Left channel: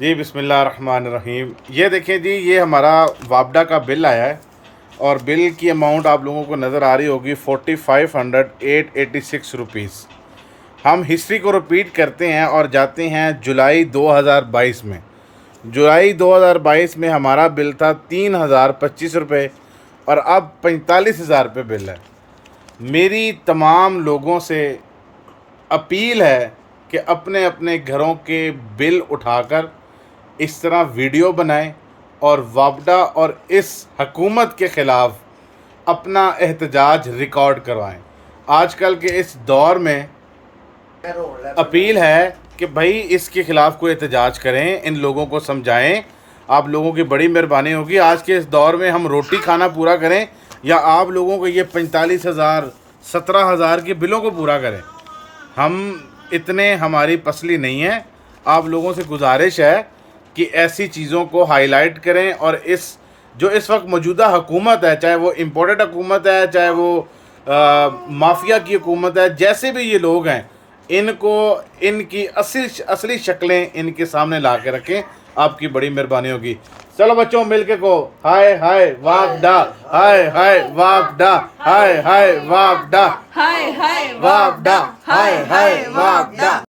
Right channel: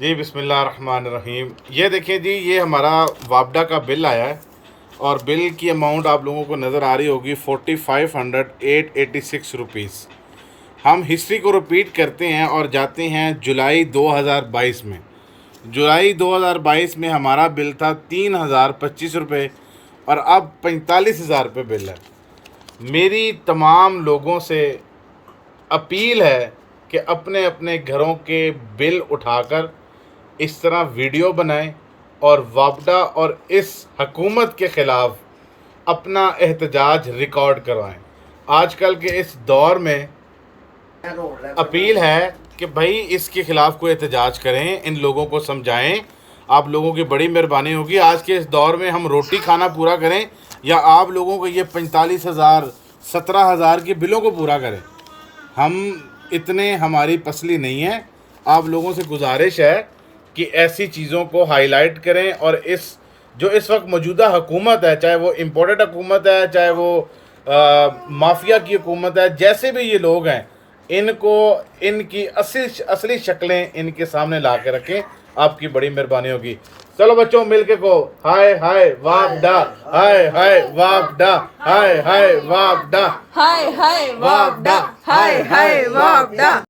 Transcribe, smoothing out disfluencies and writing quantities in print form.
जी बिस्मिल्लाहिर्रहमानिर्रहीम। ये देखें जी, ये हमारा वापडा का बिल आया है और बिल की अमाउंट आप लोगों को नज़र आ रही होगी 45,886 रुपीज़। हम हिस्ट्री को रिपीट करते हैं और जाते हैं जुलाई 2022 में। जुलाई 2022 में हमारा बिल था 3,025 रुपये और अब 45,000 रुपये बिल है। मेरी तमाम लोगों से अपील है कि अपने अपने घरों के बिल उठाकर इस तरह वीडियो बनाएं और वापडा और इस हकूमत के ख़िलाफ़ अपना एहतजाज रिकॉर्ड करवाएं। आजकल के इस दौर में अपील है कि भाई इसके ख़िलाफ़ कोई एहतजाज करें, इन लोगों को समझाएं। आप लोगों की बड़ी मेहरबानी होगी। आज के इस दौर में हम रोटी खाना पूरा करें या आप लोगों को ये 45,000 17,000 के बिलों को पूरा करें। हम इतने हमारी पसली नहीं है। आप लोगों से गुजारिश है कि ऐसी चीज़ों को हाईलाइट करें और इस जो इस वक्त मौजूदा हुकूमत है, चाहे वो इम्पोर्टेड हुकूमत है, चाहे वो माफिया की हुकूमत है, जैसे भी ये लोग हैं, इनको इनकी असली शक्लें इनके सामने ला के रखें। आपकी बड़ी मेहरबानी होगी। चलो बच्चों, मिलके को हाय हाय वापडा, हाय हाय वापडा, हाय हाय वापडा, हाय हाय वापडा, हाय हाय वापडा।